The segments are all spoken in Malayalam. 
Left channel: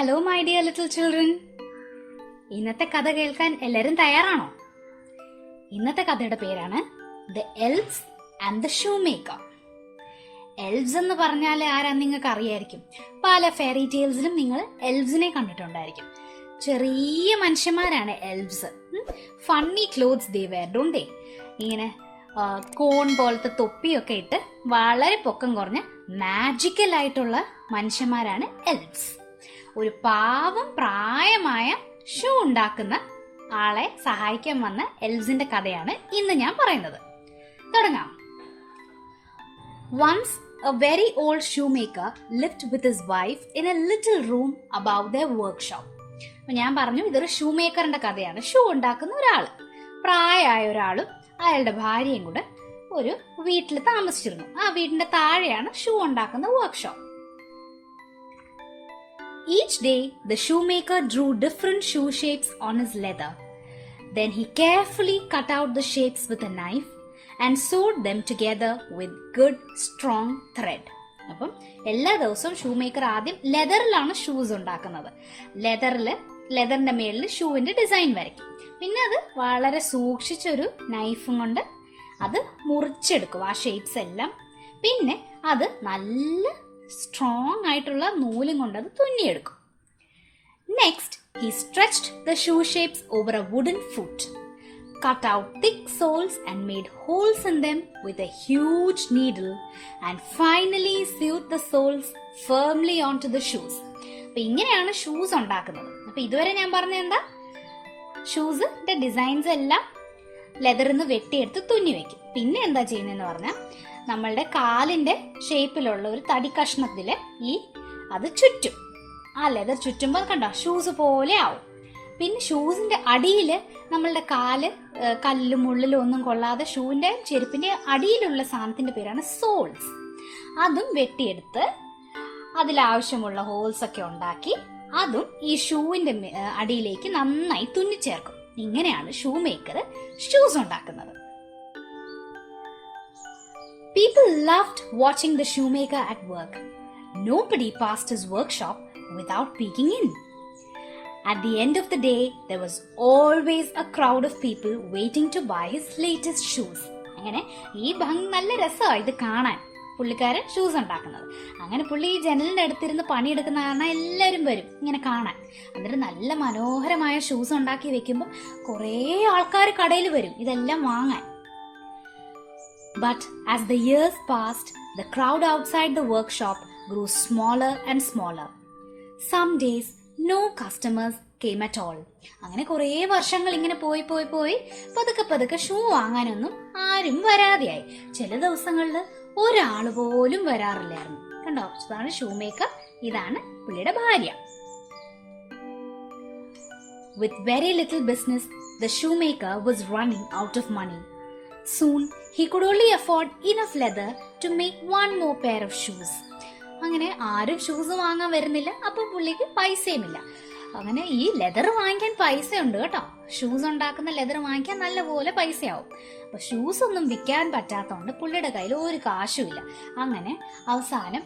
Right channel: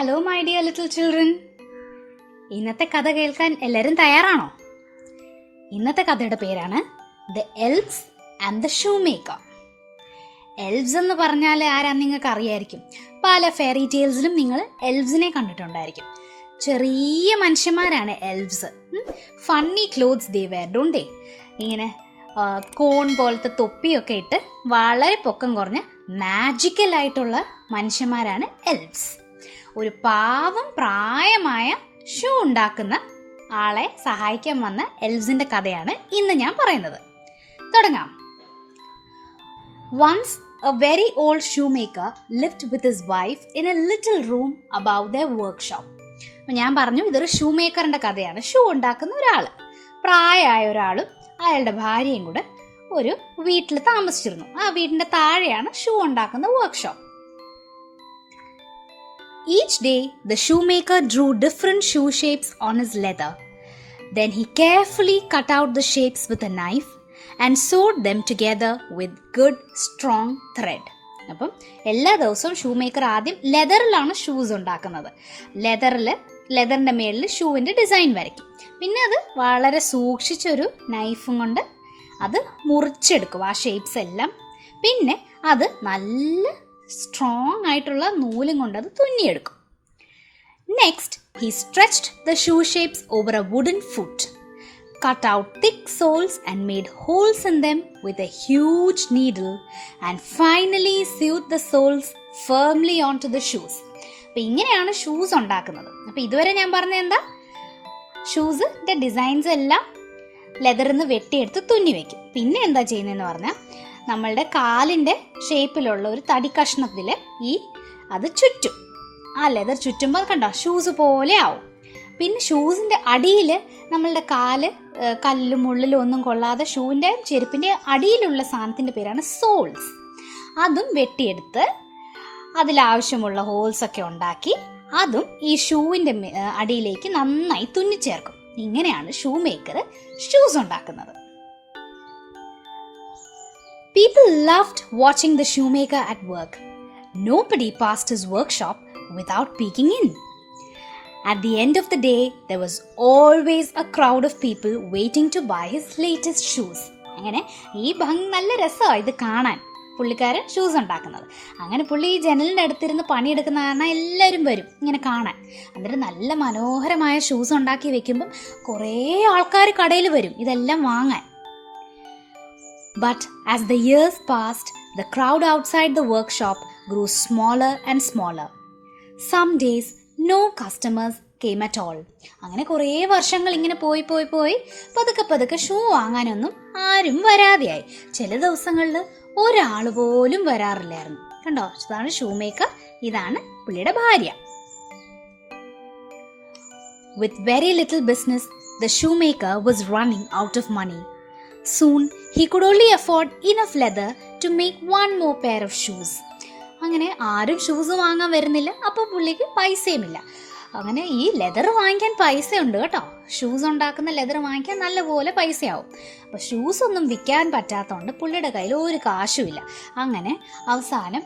Hello my dear little children, ഇന്നത്തെ കഥ കേൾക്കാൻ എല്ലാവരും തയ്യാറാണോ? ഇന്നത്തെ കഥയുടെ പേരാണ് ദ എൽവ്സ് ആൻഡ് ദ ഷൂമേക്കർ. എൽവ്സ് എന്ന് പറഞ്ഞാൽ ആരാന്ന് നിങ്ങൾക്ക് അറിയായിരിക്കും. പല ഫെയറി ടെയിൽസിലും നിങ്ങൾ എൽവ്സിനെ കണ്ടിട്ടുണ്ടായിരിക്കും. ചെറിയ മനുഷ്യന്മാരാണ് elves. Funny clothes they wear, don't they? ഇങ്ങനെ കോൺ പോലത്തെ തൊപ്പിയൊക്കെ ഇട്ട് വളരെ പൊക്കം കുറഞ്ഞ മാജിക്കൽ ആയിട്ടുള്ള മനുഷ്യന്മാരാണ് എൽവ്സ്. ഒരു പാവം പ്രായമായ ഷൂ ഉണ്ടാക്കുന്ന ആളെ സഹായിക്കാൻ വന്ന എൽവ്സിന്റെ കഥയാണ് ഇന്ന് ഞാൻ പറയുന്നത്. തുടങ്ങാം. Once a very old shoemaker lived with his wife in a little room above their workshop. ഞാൻ പറഞ്ഞു ഇതൊരു ഷൂമേക്കറിന്റെ കഥയാണ്. ഷൂ ഉണ്ടാക്കുന്ന ഒരാള്, പ്രായമായ ഒരാളും അയാളുടെ ഭാര്യയും കൂടെ ഒരു വീട്ടിൽ താമസിച്ചിരുന്നു. ആ വീടിന്റെ താഴെയാണ് ഷൂ ഉണ്ടാക്കുന്ന workshop. Each day the shoemaker drew different shoe shapes on his leather. Then he carefully cut out the shapes with a knife and sewed them together with good strong thread. അപ്പം എല്ലാ ദിവസവും ഷൂമേക്കർ ആദ്യം ലെതറിലാണ് ഷൂസ് ഉണ്ടാക്കുന്നത്. ലെതറിന്റെ മേളിൽ ഷൂവിന്റെ ഡിസൈൻ വരയ്ക്കും. പിന്നെ അത് വളരെ സൂക്ഷിച്ചൊരു നൈഫും കൊണ്ട് അത് മുറിച്ചെടുക്കും, ആ ഷേപ്സ് എല്ലാം. പിന്നെ അത് നല്ല സ്ട്രോങ് ആയിട്ടുള്ള നൂലും കൊണ്ട് അത് തുന്നിയെടുക്കും. Next he stretched the shoe shapes over a wooden foot, cut out thick soles and made holes in them with a huge needle, and finally sewed the soles firmly onto the shoes. അപ്പോൾ ഇങ്ങനെയാണ് ഷൂസ് ഉണ്ടാക്കുന്നത്. അപ്പോൾ ഇതുവരെ ഞാൻ പറഞ്ഞ എന്താ, ഷൂസിന്റെ ഡിസൈൻസ് എല്ലാം ലെതറിൽ നിന്ന് വെട്ടിയെടുത്ത് തുന്നി വെക്കും. പിന്നെ എന്താ ചെയ്യുന്നതെന്ന് പറഞ്ഞാൽ നമ്മളുടെ കാലിന്റെ ഷേപ്പിലുള്ള ഒരു തടി കഷ്ണത്തിൽ അത് ചുറ്റും. ആ ലെതർ ചുറ്റുമ്പോൾ കണ്ടോ ഷൂസ് പോലെ ആവും. പിന്നെ ഷൂസിന്റെ അടിയിൽ നമ്മളുടെ കല്ലും മുള്ളിലും ഒന്നും കൊള്ളാതെ ഷൂവിന്റെ ചെരുപ്പിന്റെ അടിയിലുള്ള സാധനത്തിന്റെ പേരാണ് സോൾസ്. അതും വെട്ടിയെടുത്ത് അതിലാവശ്യമുള്ള ഹോൾസ് ഒക്കെ ഉണ്ടാക്കി അതും ഈ ഷൂവിന്റെ അടിയിലേക്ക് നന്നായി തുന്നിച്ചേർക്കും. ഇങ്ങനെയാണ് ഷൂമേക്കർ ഷൂസ് ഉണ്ടാക്കുന്നത്. People loved watching the shoemaker at work. Nobody passed his workshop without peeking in. At the end of the day, there was always a crowd of people waiting to buy his latest shoes. അങ്ങനെ ഈ നല്ല രസമാണ് ഇത് കാണാൻ, പുള്ളിക്കാരൻ ഷൂസ് ഉണ്ടാക്കുന്നത്. അങ്ങനെ പുള്ളി ഈ ജനലിൻ്റെ അടുത്തിരുന്ന് പണിയെടുക്കുന്ന കാരണം എല്ലാവരും വരും ഇങ്ങനെ കാണാൻ. എന്നിട്ട് നല്ല മനോഹരമായ ഷൂസ് ഉണ്ടാക്കി വെക്കുമ്പോൾ കുറേ ആൾക്കാർ കടയിൽ വരും ഇതെല്ലാം വാങ്ങാൻ. But as the years passed, the crowd outside the workshop grew smaller and smaller. Some days, no customers came at all. അങ്ങനെ കുറേ വർഷങ്ങൾ ഇങ്ങനെ പോയി പതുക്കെ ഷൂ വാങ്ങാനൊന്നും ആരും വരാതെയായി. ചില ദിവസങ്ങളിൽ ഒരാൾ പോലും വരാറില്ലായിരുന്നു. കണ്ടോ, ഇതാണ് ഷൂമേക്കർ, ഇതാണ് പുള്ളിയുടെ ഭാര്യ. With very little business, the shoemaker was running out of money. Soon he could only afford enough leather to make one more pair of shoes. അങ്ങനെ ആരും ഷൂസ് വാങ്ങാൻ വരുന്നില്ല. അപ്പോൾ പുള്ളിക്ക് പൈസയുമില്ല. അങ്ങനെ ഈ ലെതർ വാങ്ങിക്കാൻ പൈസയുണ്ട് കേട്ടോ. ഷൂസ് ഉണ്ടാക്കുന്ന ലെതർ വാങ്ങിക്കാൻ നല്ലപോലെ പൈസയാവും. അപ്പോൾ ഷൂസ് ഒന്നും വിൽക്കാൻ പറ്റാത്തതുകൊണ്ട് പുള്ളിയുടെ കയ്യിൽ ഒരു കാശുമില്ല. അങ്ങനെ അവസാനം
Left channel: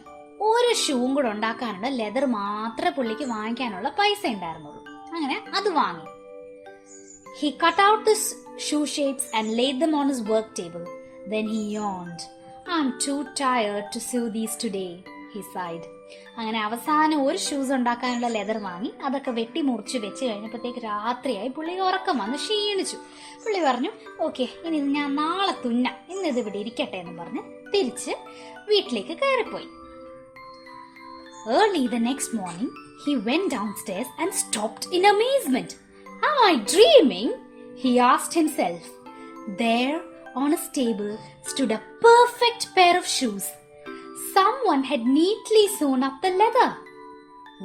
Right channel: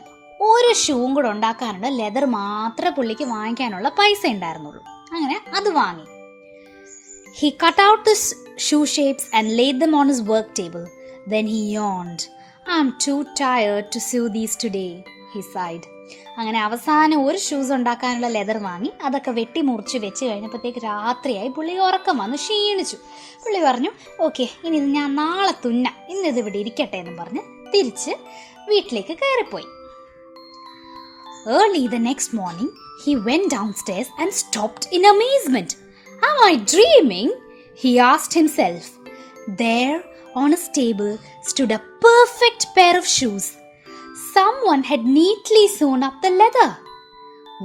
ഒരു ഷൂവും കൂടെ ഉണ്ടാക്കാനുള്ള ലെതർ മാത്രമേ പുള്ളിക്ക് വാങ്ങിക്കാനുള്ള പൈസ ഉണ്ടായിരുന്നുള്ളൂ. അങ്ങനെ അത് വാങ്ങി. He cut out the shoe shapes and laid them on his work table. Then he yawned. I'm too tired to sew these today, he sighed. അങ്ങനെ അവസാനം ഒരു ഷൂസ് ഉണ്ടാക്കാനുള്ള ലെതർ വാങ്ങി അതൊക്കെ വെട്ടി മുറിച്ച് വെച്ച് കഴിഞ്ഞപ്പോഴത്തേക്ക് രാത്രിയായി. പുള്ളി ഉറക്കം വന്ന് ക്ഷീണിച്ചു. പുള്ളി പറഞ്ഞു, ഓക്കെ, ഇനി ഇത് ഞാൻ നാളെ തുന്നാം, ഇന്നിത് ഇവിടെ ഇരിക്കട്ടെ എന്ന് പറഞ്ഞ് തിരിച്ച് വീട്ടിലേക്ക് കയറിപ്പോയി. Early the next morning, he went downstairs and stopped in amazement. Am I dreaming? He asked himself. There on his table stood a perfect pair of shoes. Someone had neatly sewn up the leather.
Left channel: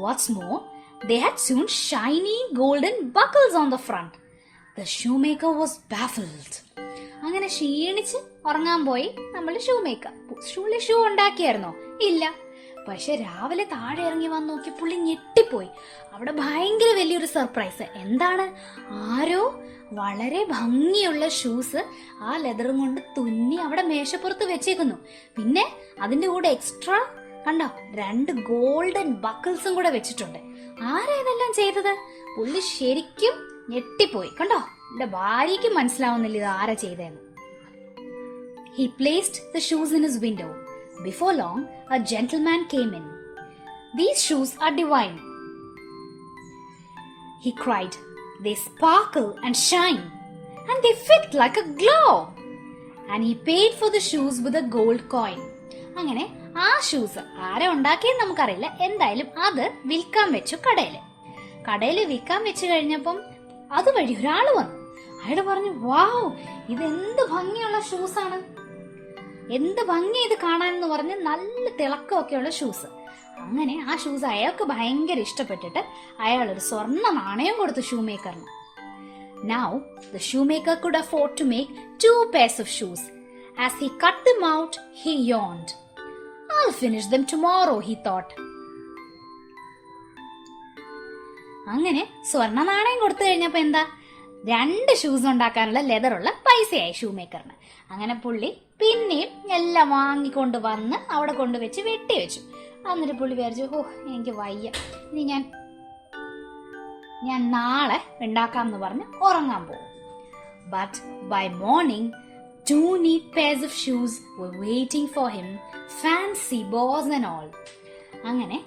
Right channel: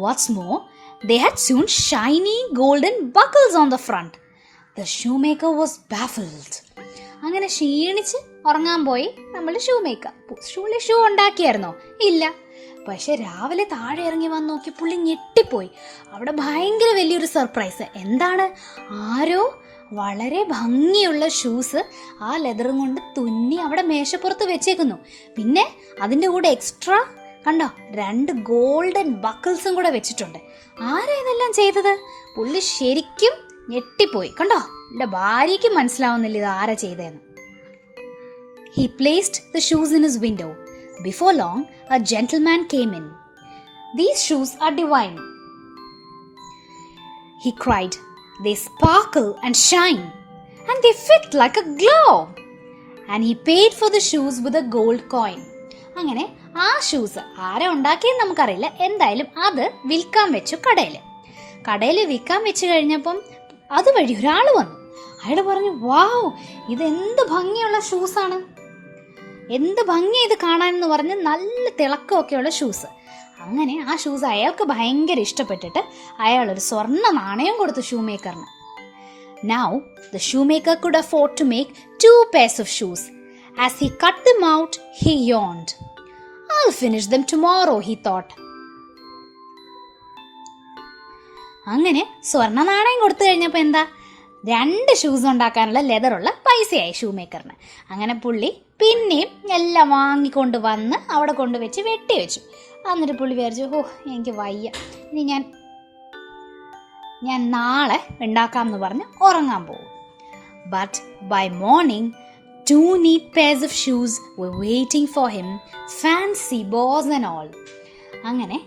What's more, they had sewn shiny golden buckles on the front. The shoemaker was baffled. അങ്ങനെ ക്ഷീണിച്ച് ഉറങ്ങാൻ പോയി നമ്മൾ ഷൂമേക്കർ. ഷൂ ഉണ്ടാക്കിയായിരുന്നോ? ഇല്ല. പക്ഷെ രാവിലെ താഴെ ഇറങ്ങി വന്ന് നോക്കി പുള്ളി ഞെട്ടിപ്പോയി. അവിടെ ഭയങ്കര വലിയൊരു സർപ്രൈസ്. എന്താണ്? ആരോ വളരെ ഭംഗിയുള്ള ഷൂസ് ആ ലെതറും കൊണ്ട് തുന്നി അവിടെ മേശപ്പുറത്ത് വെച്ചേക്കുന്നു. പിന്നെ അതിൻ്റെ കൂടെ എക്സ്ട്രാ കണ്ടോ, 2 ഗോൾഡൻ ബക്കിൾസും കൂടെ വെച്ചിട്ടുണ്ട്. ആരാ ഇതെല്ലാം ചെയ്തത്? പുള്ളി ശരിക്കും ഞെട്ടിപ്പോയി. കണ്ടോ, എന്റെ ഭാര്യയ്ക്ക് മനസ്സിലാവുന്നില്ല ഇത് ആരാ ചെയ്തതെന്ന്. He placed the shoes in his window. Before long, a gentleman came in. "These shoes are divine," he cried. "They sparkle and shine, and they fit like a glove." And he paid for the shoes with a gold coin. അങ്ങനെ ആ ഷൂസ് ആരാ ഉണ്ടാക്കിയെന്ന് നമുക്കറിയില്ല. എന്തായാലും അത് വിൽക്കാൻ വെച്ചു കടയിൽ വിൽക്കാൻ വെച്ച് കഴിഞ്ഞപ്പം അതുവഴി ഒരാൾ വന്നു. അയാൾ പറഞ്ഞു, "വാവ്, ഇതെന്ത് ഭംഗിയുള്ള ഷൂസാണ്, എന്ത് ഭംഗി ഇത് കാണാനെന്ന് പറഞ്ഞ് നല്ല തിളക്കമൊക്കെയുള്ള ഷൂസ്." അങ്ങനെ ആ ഷൂസ് അയാൾക്ക് ഭയങ്കര ഇഷ്ടപ്പെട്ടിട്ട് അയാൾ ഒരു സ്വർണ്ണ നാണയം കൊടുത്തു ഷൂമേക്കറിന്. Now the shoemaker could afford to make 2 pairs of shoes. As he cut them out, he yawned. "I'll finish them tomorrow," he thought. അങ്ങനെ സ്വർണ്ണ നാണയം കൊടുത്തു കഴിഞ്ഞപ്പോൾ എന്താ, 2 ഷൂസ് ഉണ്ടാക്കാനുള്ള ലെതറുള്ള പൈസയായി ഷൂമേക്കറിന്. അങ്ങനെ പുള്ളി പിന്നെയും എല്ലാം വാങ്ങിക്കൊണ്ട് വന്ന് അവിടെ കൊണ്ടുവച്ച് വെട്ടി വെച്ചു. എന്നിട്ട് പുള്ളി വിചാരിച്ചു, എനിക്ക് വയ്യ, ഇനി ഞാൻ നാളെ ഉണ്ടാക്കാമെന്ന് പറഞ്ഞ് ഉറങ്ങാൻ പോകും. But by morning, 2 neat pairs of shoes were waiting for him, fancy bows and all. അങ്ങനെ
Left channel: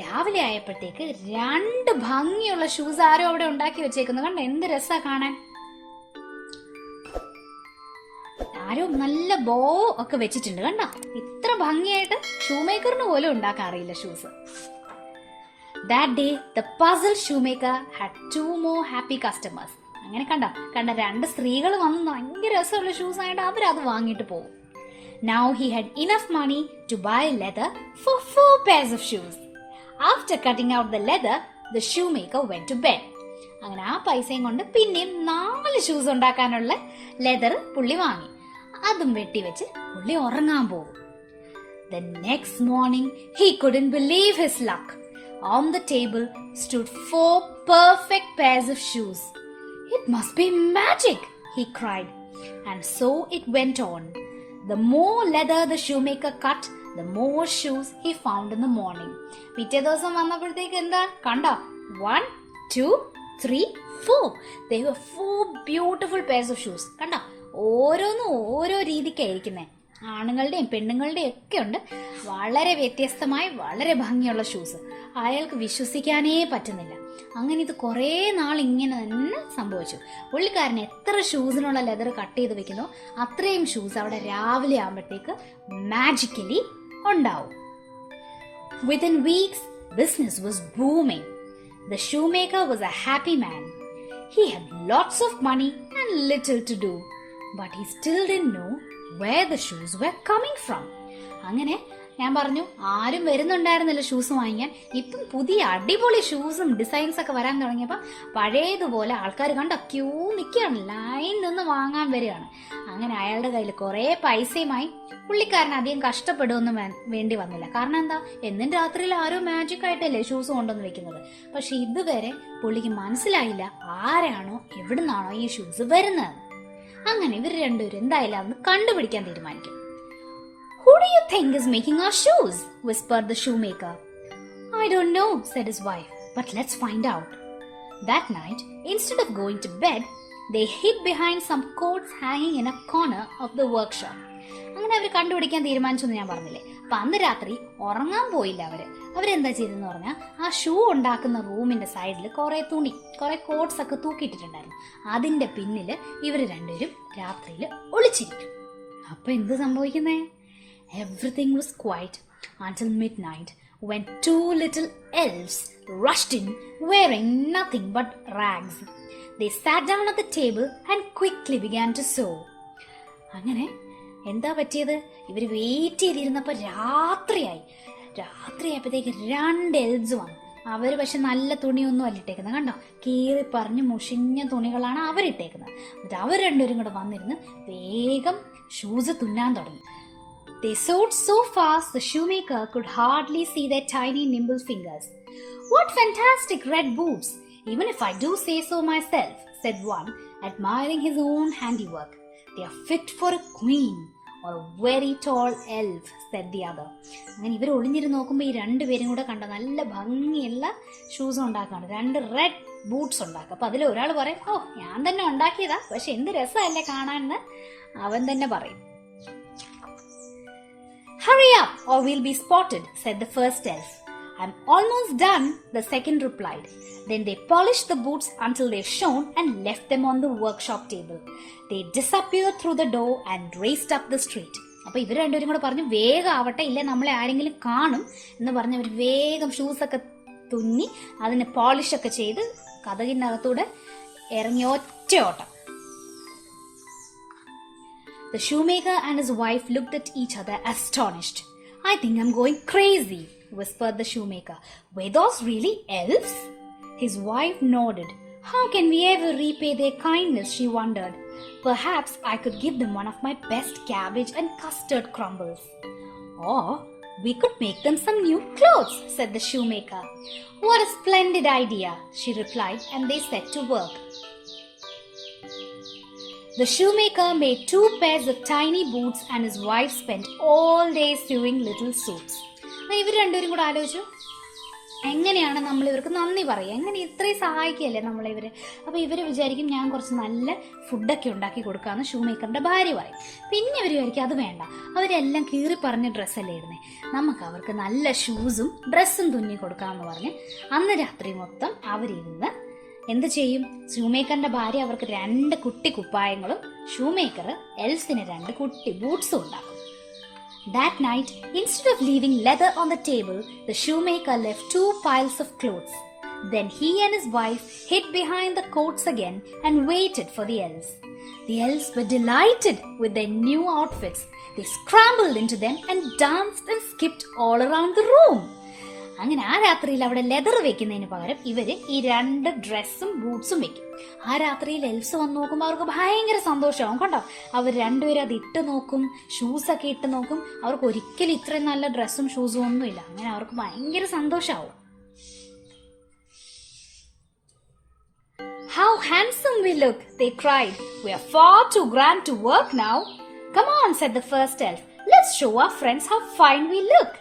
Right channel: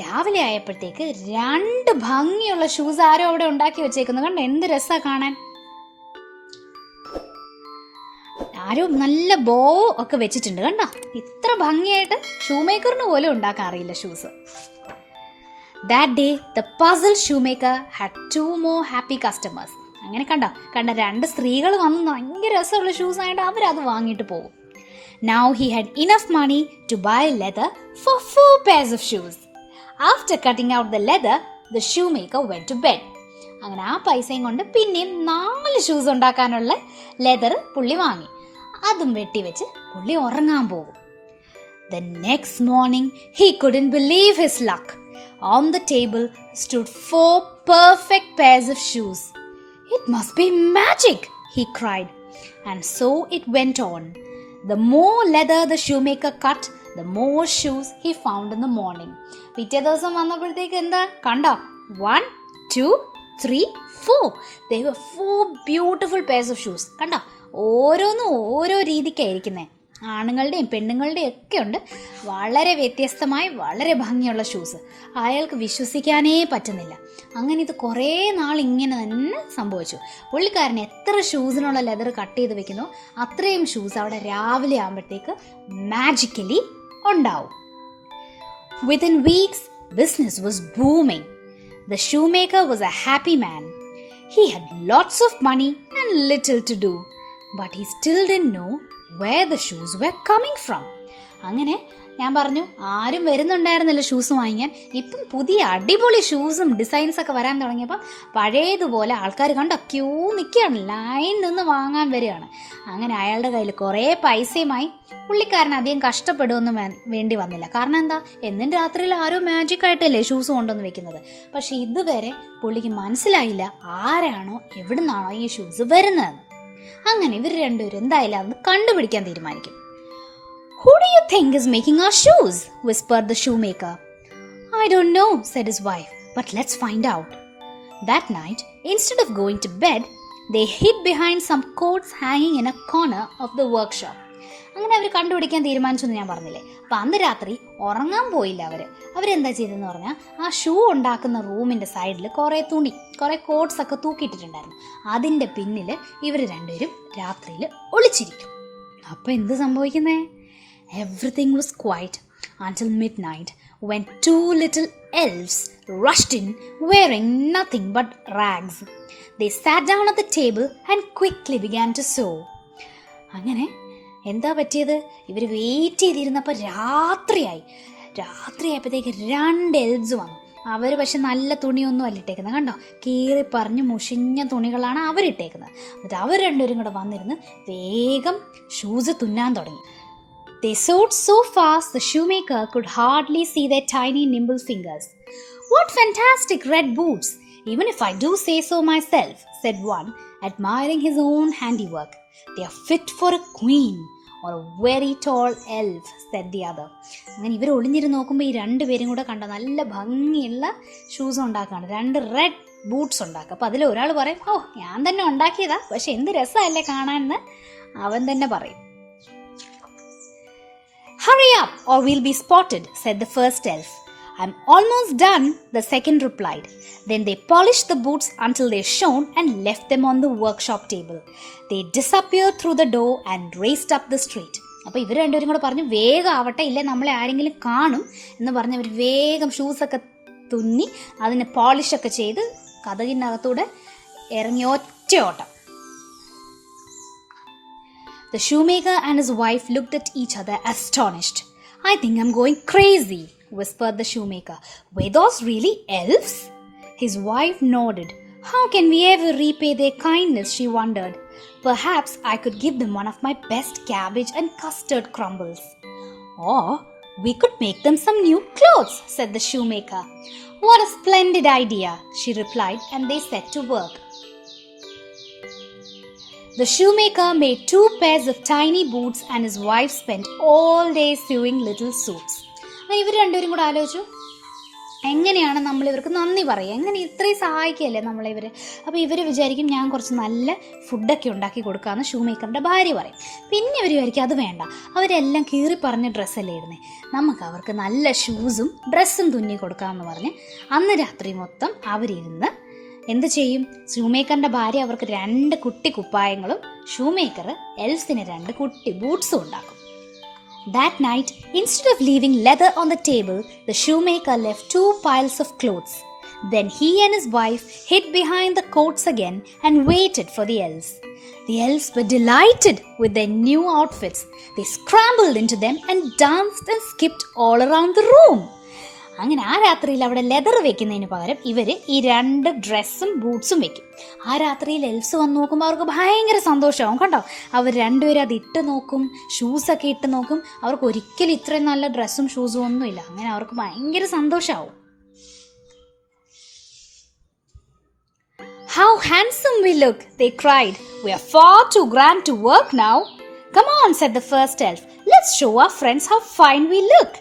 രാവിലെ ആയപ്പോഴത്തേക്ക് 2 ഭംഗിയുള്ള ഷൂസ് ആരോ അവിടെ ഉണ്ടാക്കി വെച്ചേക്കുന്നു. കണ്ടോ, എന്ത് രസാ കാണാൻ. ആരോ നല്ല ബോ ഒക്കെ വെച്ചിട്ടുണ്ട്. കണ്ടോ, ഇത്ര ഭംഗിയായിട്ട് ഷൂമേക്കറിന് പോലും ഉണ്ടാക്കാൻ അറിയില്ല shoes. That day, the puzzled shoemaker had 2 more happy customers. അങ്ങനെ കണ്ട 2 സ്ത്രീകൾ വന്ന് ഭയങ്കര രസമുള്ള ഷൂസ് ആയിട്ട് അവരത് വാങ്ങിയിട്ട് പോകും. Now he had enough money to buy leather for 4 pairs of shoes. After cutting out the leather, the shoemaker went to bed. അങ്ങനെ ആ പൈസയും കൊണ്ട് പിന്നെയും 4 ഷൂസ് ഉണ്ടാക്കാനുള്ള ലെതർ പുള്ളി വാങ്ങി. അതും വെട്ടിവെച്ച് പുള്ളി ഉറങ്ങാൻ പോകും. The next morning, he couldn't believe his luck. On the table stood 4 perfect pairs of shoes. "It must be magic," he cried. And so it went on. The more leather the shoemaker cut, the more shoes he found in the morning. പിറ്റേ ദിവസം വന്നപ്പോഴത്തേക്ക് എന്താ കണ്ടോ, 1, 2, 3, 4. There were 4 beautiful pairs of shoes. കണ്ടോ, ഓരോന്നും ഓരോ രീതിക്കായിരിക്കുന്നേ. ആണുങ്ങളുടെയും പെണ്ണുങ്ങളുടെയും ഒക്കെ ഉണ്ട് വളരെ വ്യത്യസ്തമായി വളരെ ഭംഗിയുള്ള ഷൂസ്. അയാൾക്ക് വിശ്വസിക്കാനേ പറ്റുന്നില്ല. അങ്ങനെ ഇത് കുറേ നാൾ ഇങ്ങനെ തന്നെ സംഭവിച്ചു. പുള്ളിക്കാരൻ എത്ര ഷൂസിനുള്ള ലെതർ കട്ട് ചെയ്ത് വെക്കുന്നോ അത്രയും ഷൂസ് അവിടെ രാവിലെ ആകുമ്പോഴത്തേക്ക് മാജിക്കലി ഉണ്ടാവും. Within weeks, business was booming. The shoemaker was a happy man. He had lots of money and little to do, but he still didn't know where the shoes were coming from. അങ്ങനെ ഞാൻ പറഞ്ഞു, ആരും വരുന്നുണ്ടായിരുന്നില്ല ഷൂസ് വാങ്ങിക്കാൻ. ഇപ്പം പുതിയ അടിപൊളി ഷൂസും ഡിസൈൻസ് ഒക്കെ വരാൻ തുടങ്ങിയപ്പോൾ പഴയതുപോലെ ആൾക്കാർ കണ്ട ക്യൂ നിൽക്കുകയാണ്, ലൈൻ നിന്ന് വാങ്ങാൻ വരികയാണ്. അങ്ങനെ അയാളുടെ കയ്യിൽ കുറേ പൈസയുമായി. പുള്ളിക്കാരൻ അധികം കഷ്ടപ്പെടുകയൊന്നും വേണ്ടി വന്നില്ല. കാരണം എന്താ, എന്നും രാത്രിയിൽ ആരോ മാജിക് ആയിട്ടല്ലേ ഷൂസ് കൊണ്ടുവന്ന് വെക്കുന്നത്. പക്ഷെ ഇതുവരെ പുള്ളിക്ക് മനസ്സിലായില്ല ആരാണോ എവിടുന്നാണോ ഈ ഷൂസ് വരുന്നത്. അങ്ങനെ ഇവർ രണ്ടുപേരും എന്തായാലും അന്ന് കണ്ടുപിടിക്കാൻ തീരുമാനിക്കും. "Who do you think is making our shoes?" whispered the shoemaker. "I don't know," said his wife, "but let's find out." That night, instead of going to bed, they hid behind some coats hanging in a corner of the workshop. അങ്ങനെ അവർ കണ്ടുപിടിക്കാൻ തീരുമാനിച്ചു എന്ന് ഞാൻ പറഞ്ഞില്ലേ. അപ്പം അന്ന് രാത്രി ഉറങ്ങാൻ പോയില്ല അവരെന്താ ചെയ്തെന്ന് പറഞ്ഞാൽ, ആ ഷൂ ഉണ്ടാക്കുന്ന റൂമിൻ്റെ സൈഡിൽ കുറേ കോട്ട്സ് ഒക്കെ തൂക്കിയിട്ടിട്ടുണ്ടായിരുന്നു. അതിൻ്റെ പിന്നിൽ ഇവർ രണ്ടുപേരും രാത്രിയിൽ ഒളിച്ചിരിക്കും. അപ്പം എന്ത് സംഭവിക്കുന്നേ? Everything was quiet until midnight when 2 little elves rushed in wearing nothing but rags. They sat down at the table and quickly began to sew. അങ്ങനെ എന്താ പറ്റിയത്? ഇവർ വെയിറ്റ് ചെയ്തിരുന്നപ്പോൾ രാത്രിയായപ്പോഴത്തേക്ക് 2 എൽവ്സ് വന്നു. അവർ പക്ഷെ നല്ല തുണിയൊന്നും അല്ല ഇട്ടേക്കുന്നത്. കണ്ടോ, കീറി പറഞ്ഞ് മുഷിഞ്ഞ തുണികളാണ് അവരിട്ടേക്കുന്നത്. എന്നിട്ട് അവർ രണ്ടുപേരും കൂടെ വന്നിരുന്ന് വേഗം ഷൂസ് തുന്നാൻ തുടങ്ങി. They sewed so fast the shoemaker could hardly see their tiny nimble fingers. "What fantastic red boots, even if I do say so myself," said one, admiring his own handiwork. "They are fit for a queen. or a very tall elf, said the other. അങ്ങനെ ഇവർ ഒളിഞ്ഞിരുന്ന് നോക്കുമ്പോൾ ഈ രണ്ടുപേരും കൂടെ കണ്ട നല്ല ഭംഗിയുള്ള ഷൂസ് ഉണ്ടാക്കുകയാണ്. 2 റെഡ് ബൂട്ട്സ് ഉണ്ടാക്കുക. അപ്പോൾ അതിൽ ഒരാൾ പറയും, ഓ ഞാൻ തന്നെ ഉണ്ടാക്കിയതാ, പക്ഷെ എന്ത് രസമല്ലേ കാണാനെന്ന് അവൻ തന്നെ പറയും. Hurry up or we'll be spotted, said the first elf. I'm almost done, the second replied. Then they polished the boots until they shone and left them on the workshop table. They disappeared through the door and raced up the street. അപ്പോൾ ഇവർ രണ്ടുപേരും കൂടെ പറഞ്ഞു, വേഗം ആവട്ടെ, ഇല്ല നമ്മളെ ആരെങ്കിലും കാണും എന്ന് പറഞ്ഞ് അവർ വേഗം ഷൂസൊക്കെ തുന്നി അതിന് പോളിഷൊക്കെ ചെയ്ത് കതകിനകത്തൂടെ ഇറങ്ങി ഒറ്റ ഓട്ടം. The shoemaker and his wife looked at each other astonished. I think I'm going crazy, whispered the shoemaker. Were those really elves? His wife nodded. How can we ever repay their kindness, she wondered. Perhaps I could give them one of my best cabbage and custard crumbles. Or we could make them some new clothes, said the shoemaker. What a splendid idea, she replied, and they set to work. The shoemaker made 2 pairs of tiny boots and his wife spent all day sewing little suits. ഇവർ രണ്ടുപേരും കൂടെ ആലോചിച്ചു, എങ്ങനെയാണ് നമ്മൾ ഇവർക്ക് നന്ദി പറയുക, എങ്ങനെ ഇത്രയും സഹായിക്കുകയല്ലേ നമ്മളിവർ. അപ്പോൾ ഇവർ വിചാരിക്കും ഞാൻ കുറച്ച് നല്ല ഫുഡൊക്കെ ഉണ്ടാക്കി കൊടുക്കാമെന്ന് ഷൂമേക്കറിൻ്റെ ഭാര്യ പറയും. പിന്നെ ഇവർ വിചാരിക്കും അത് വേണ്ട, അവരെല്ലാം കീറി പറഞ്ഞ ഡ്രസ്സല്ലേ ഇടുന്നേ, നമുക്ക് അവർക്ക് നല്ല ഷൂസും ഡ്രസ്സും തുന്നി കൊടുക്കാമെന്ന് പറഞ്ഞ് അന്ന് രാത്രി മൊത്തം അവരിരുന്ന് എന്ത് ചെയ്യും? ഷൂമേക്കറിന്റെ ഭാര്യ അവർക്ക് 2 കുട്ടി കുപ്പായങ്ങളും ഷൂമേക്കർ എൽസിന് 2 കുട്ടി ബൂട്ട്സും ഉണ്ടാക്കും. That night, instead of leaving leather on the table, the shoemaker left 2 piles of clothes. Then he and his wife hid behind the coats again and waited for the elves. The elves were delighted with their new outfits. They scrambled into them and danced and skipped all around the room. അങ്ങനെ ആ രാത്രിയിൽ അവിടെ ലെതർ വെക്കുന്നതിന് പകരം ഇവർ ഈ 2 ഡ്രസ്സും ബൂട്ട്സും വെക്കും. ആ രാത്രിയിൽ എൽസ് വന്ന് നോക്കുമ്പോൾ അവർക്ക് ഭയങ്കര സന്തോഷമാവും. കണ്ടോ, അവർ രണ്ടുപേരും അത് ഇട്ട് നോക്കും, ഷൂസൊക്കെ ഇട്ട് നോക്കും. അവർക്ക് ഒരിക്കലും ഇത്രയും നല്ല ഡ്രസ്സും ഷൂസും ഒന്നുമില്ല. അങ്ങനെ അവർക്ക് ഭയങ്കര സന്തോഷമാവും. How handsome we look, they cried. We are far too grand to work now. Come on, said the first elf. Let's show our friends how fine we look.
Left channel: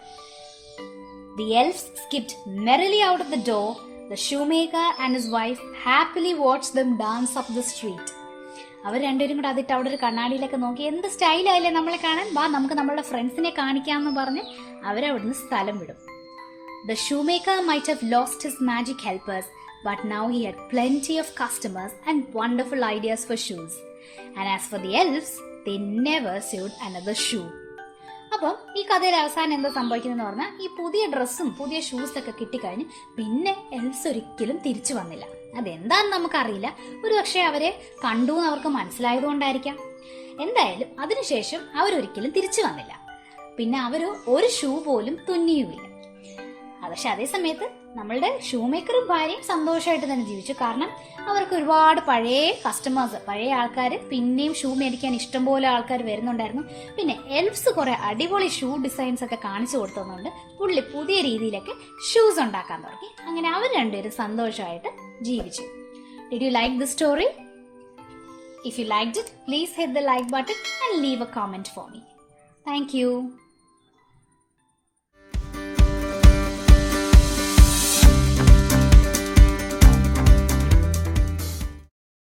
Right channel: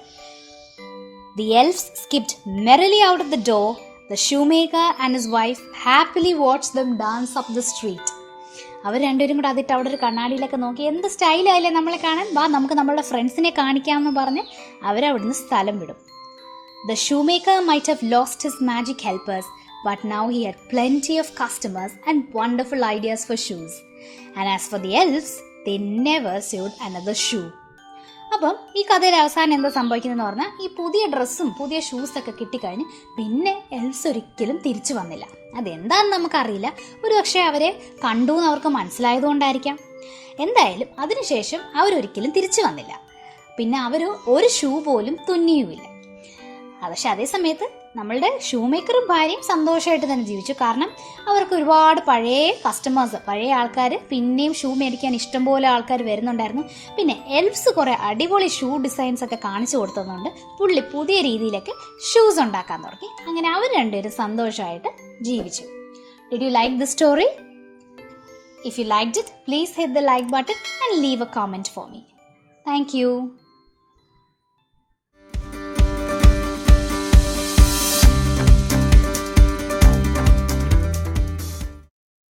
The elves skipped merrily out of the door. The shoemaker and his wife happily watched them dance up the street. അവർ രണ്ടുപേരും കൂടെ അതിട്ട് അവിടെ ഒരു കണ്ണാടിയിലൊക്കെ നോക്കി, എന്ത് സ്റ്റൈലായില്ലേ നമ്മളെ കാണാൻ, വാ നമുക്ക് നമ്മളുടെ ഫ്രണ്ട്സിനെ കാണിക്കാമെന്ന് പറഞ്ഞ് അവരവിടുന്ന് സ്ഥലം വിടും. The shoemaker might have lost his magic helpers, but now he had plenty of customers and wonderful ideas for shoes. And as for the elves, they never sewed another shoe. അപ്പം ഈ കഥയുടെ അവസാനം എന്താ സംഭവിക്കുന്നതെന്ന് പറഞ്ഞാൽ, ഈ പുതിയ ഡ്രസ്സും പുതിയ ഷൂസൊക്കെ കിട്ടിക്കഴിഞ്ഞ് പിന്നെ എൽസ് ഒരിക്കലും തിരിച്ചു വന്നില്ല. അതെന്താണെന്ന് നമുക്കറിയില്ല. ഒരു പക്ഷേ അവരെ കണ്ടു എന്ന് അവർക്ക് മനസ്സിലായതുകൊണ്ടായിരിക്കാം. എന്തായാലും അതിനുശേഷം അവരൊരിക്കലും തിരിച്ചു വന്നില്ല. പിന്നെ അവർ ഒരു ഷൂ പോലും തുന്നിയുമില്ല. പക്ഷെ അതേ സമയത്ത് നമ്മളുടെ ഷൂമേക്കറും ഭാര്യയും സന്തോഷമായിട്ട് തന്നെ ജീവിച്ചു. കാരണം അവർക്ക് ഒരുപാട് പഴയ കസ്റ്റമേഴ്സ്, പഴയ ആൾക്കാർ പിന്നെയും ഷൂ മേടിക്കാൻ ഇഷ്ടംപോലെ ആൾക്കാർ വരുന്നുണ്ടായിരുന്നു. പിന്നെ എൽഫ്സ് കുറെ അടിപൊളി ഷൂ ഡിസൈൻസ് ഒക്കെ കാണിച്ചു കൊടുത്തതുകൊണ്ട് പുള്ളി പുതിയ രീതിയിലൊക്കെ ഷൂസ് ഉണ്ടാക്കാൻ തുടങ്ങി. അങ്ങനെ അവർ രണ്ടുപേരും സന്തോഷമായിട്ട് ജീവിച്ചു. Did you like the story? If you liked it, please hit the like button and leave a comment for me. Thank you.